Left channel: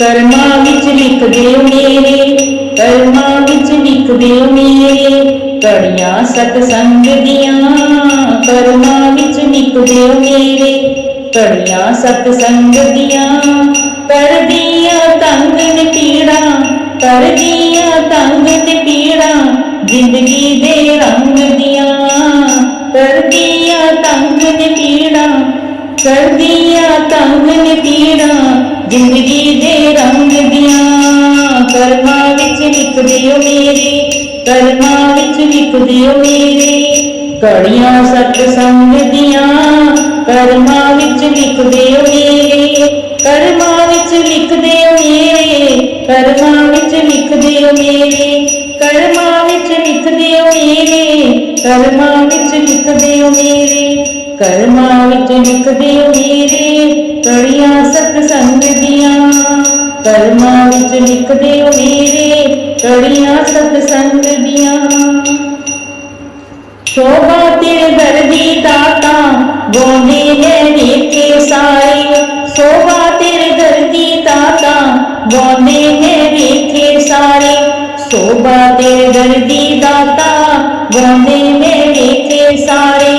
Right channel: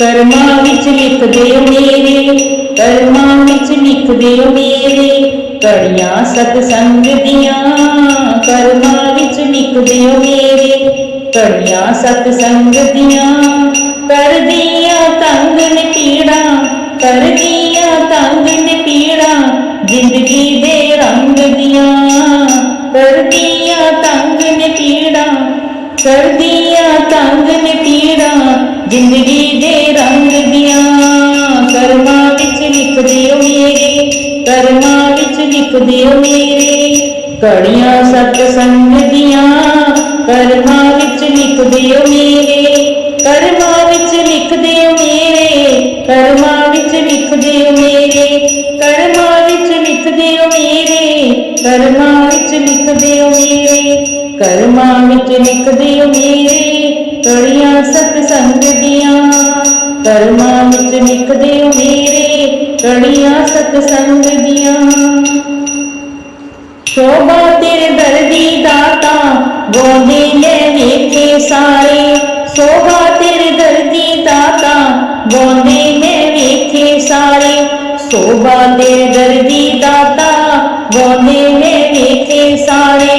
ਕਰਮਾਂ ਵਿੱਚ ਲਿਖ ਦਿਓ ਮੇਰੇ, ਕਰਮਾਂ ਵਿੱਚ ਲਿਖ ਦਿਓ ਮੇਰੇ। ਕੜੀਆਂ ਸਤਸੰਗ ਦੀਆਂ ਕਰਮਾਂ ਵਿੱਚ ਲਿਖ ਦਿਓ ਮੇਰੇ। ਕੜੀਆਂ ਸਤਸੰਗ ਦੀਆਂ ਕਰਦੀਆਂ ਤੰਗ ਨੇ ਪੀੜਾ ਕਰਦੀਆਂ ਤੰਗ ਨੇ ਪੀੜਾ ਜ਼ਿੰਦਗੀ ਦੇ ਰੰਗ ਦੀਆਂ ਕਰਦੀਆਂ ਤੰਗ ਨੇ ਪੀੜਾ ਕਰਦੀਆਂ ਤੰਗ ਨੇ ਪੀੜਾ ਜ਼ਿੰਦਗੀ ਦੇ ਰੰਗ ਦੀਆਂ ਕਰਮਾਂ ਵਿੱਚ ਲਿਖ ਦਿਓ ਮੇਰੇ, ਕਰਮਾਂ ਵਿੱਚ ਲਿਖ ਦਿਓ ਮੇਰੇ। ਕੜੀਆਂ ਸਤ ਸੰਗ ਦੀਆਂ ਕਰਮਾਂ ਵਿੱਚ ਲਿਖ ਦਿਓ ਮੇਰੇ, ਕਰਮਾਂ ਵਿੱਚ ਲਿਖ ਦਿਓ ਮੇਰੇ, ਕਰਮਾਂ ਵਿੱਚ ਲਿਖ ਦਿਓ ਮੇਰੇ। ਕਰਮਾਂ ਵਿੱਚ ਲਿਖ ਦਿਓ ਮੇਰੇ, ਕਰਮਾਂ ਵਿੱਚ ਲਿਖ ਦਿਓ ਮੇਰੇ, ਕਰਮਾਂ ਵਿੱਚ ਲਿਖ ਦਿਓ ਮੇਰੇ। ਕੜੀਆਂ ਸਤ ਸੰਗ ਦੀਆਂ ਕਰਮਾਂ ਵਿੱਚ ਲਿਖ ਦਿਓ ਮੇਰੇ ਕੜੀਆਂ ਸਤ ਸੰਗ ਦੀਆਂ ਸ਼ੋਭਾ ਤੇਰੇ ਦਰਦੀ ਦਾਤਾ ਗੋਂਦੇ ਨੇ ਵੇਖੇ ਸਾਰੇ। ਸ਼ੋਭਾ ਤੇਰੇ ਦਰਦੀ ਦਾਤਾ ਗੋਂਦੇ ਨੇ ਵੇਖੇ ਸਾਰੇ। ਸ਼ੋਭਾ ਤੇਰੇ ਦਰਦੀ ਦਾਤਾ ਗੋਂਦੇ ਨੇ ਵੇਖੇ ਸਾਰੇ।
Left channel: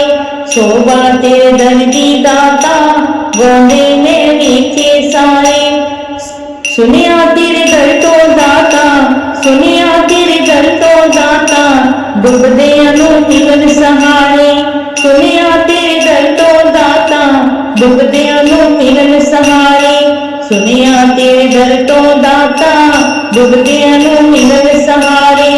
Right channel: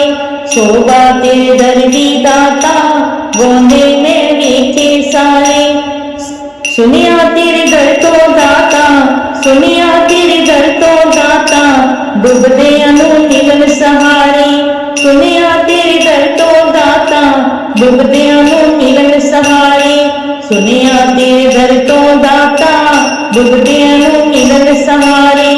ਸ਼ੋਭਾ ਤੇਰੇ ਦਰਦੀ ਦਾਤਾ ਗੋਂਦੇ ਨੇ ਵੇਖੇ ਸਾਰੇ ਸੁਨਿਆ ਤੇਰੇ ਦਰ ਤੋਂ ਦਾਤਾ ਸੁਨਿਆ ਤੇਰੇ ਦਰ ਤੋਂ ਦਾਤਾ ਡੁੱਬਦਿਆਂ ਨੂੰ ਮਿਲਨ ਸਹਾਰੇ ਸੁਨਿਆ ਤੇਰੇ ਦਰ ਤੋਂ ਦਾਤਾ ਡੁੱਬਦਿਆਂ ਨੂੰ ਮਿਲਨ ਸਹਾਰੇ ਸੁਨਿਆ ਤੇਰੇ ਦਰ ਤੋਂ ਦਾਤਾ ਡੁੱਬਦਿਆਂ ਨੂੰ ਮਿਲਨ ਸਹਾਰੇ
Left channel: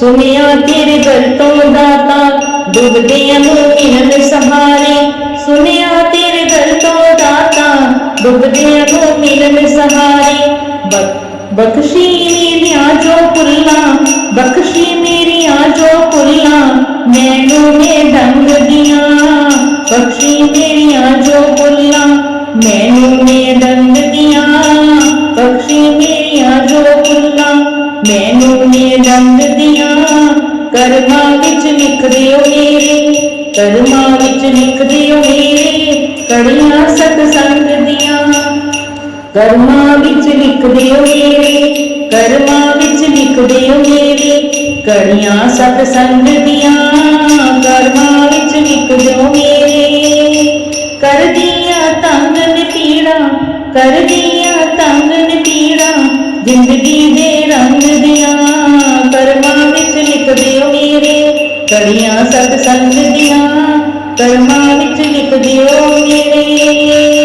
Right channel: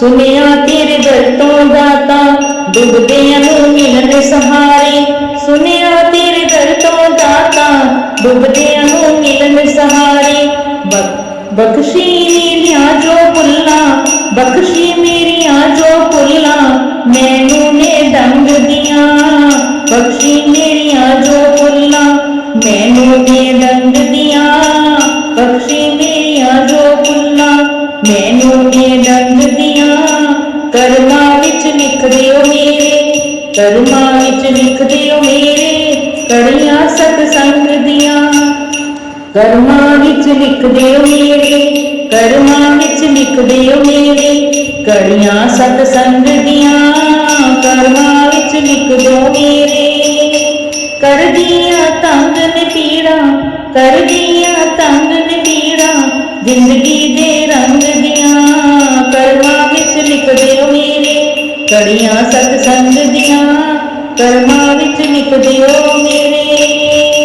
ਸੁਨਿਆ ਤੇਰੇ ਦਰ ਤੋਂ ਦਾਤਾ, ਡੁੱਬਦਿਆਂ ਨੂੰ ਮਿਲਨ ਸਹਾਰੇ। ਸੁਨਿਆ ਤੇਰੇ ਦਰ ਤੋਂ ਦਾਤਾ, ਡੁੱਬਦਿਆਂ ਨੂੰ ਮਿਲਨ ਸਹਾਰੇ। ਬਖ- ਬਖਸ਼ੀ ਮੇਰੀਆਂ ਜੋ ਪੁੱਲਾਂ ਬਖਸ਼ੀ ਮੇਰੀਆਂ ਜੋ ਪੁੱਲਾਂ ਮੈਨੂੰ ਨੇ ਡੰਗ ਦੀਆਂ। ਬਖਸ਼ੀ ਮੇਰੀਆਂ ਜੋ ਪੁੱਲਾਂ ਮੈਨੂੰ ਨੇ ਡੰਗ ਦੀਆਂ। ਬਖਸ਼ੀ ਮੇਰੀਆਂ ਜੋ ਪੁੱਲਾਂ ਮੈਨੂੰ ਨੇ ਡੰਗ ਦੀਆਂ ਕਰਮਾਂ ਵਿੱਚ ਲਿਖ ਦਿਓ ਮੇਰੇ, ਕਰਮਾਂ ਵਿੱਚ ਲਿਖ ਦਿਓ ਮੇਰੇ, ਕੜੀਆਂ ਸਤਸੰਗ ਦੀਆਂ ਕਰਮਾਂ ਵਿੱਚ ਲਿਖ ਦਿਓ ਮੇਰੇ, ਕਰਮਾਂ ਵਿੱਚ ਲਿਖ ਦਿਓ ਮੇਰੇ, ਕੜੀਆਂ ਸਤਸੰਗ ਦੀਆਂ ਕਰਮਾਂ ਵਿੱਚ ਲਿਖ ਦਿਓ ਮੇਰੇ। ਕਰਦੀਆਂ ਤੰਗ ਨੇ ਪੀੜਾ ਕਰਦੀਆਂ ਤੰਗ ਨੇ ਪੀੜਾ ਜ਼ਿੰਦਗੀ ਦੇ ਰੰਗ ਦੀਆਂ ਕਰਮਾਂ ਵਿੱਚ ਲਿਖ ਦਿਓ ਮੇਰੇ, ਕੜੀਆਂ ਸਤਸੰਗ ਦੀਆਂ ਕਰਮਾਂ ਵਿੱਚ ਲਿਖ ਦਿਓ ਮੇਰੇ।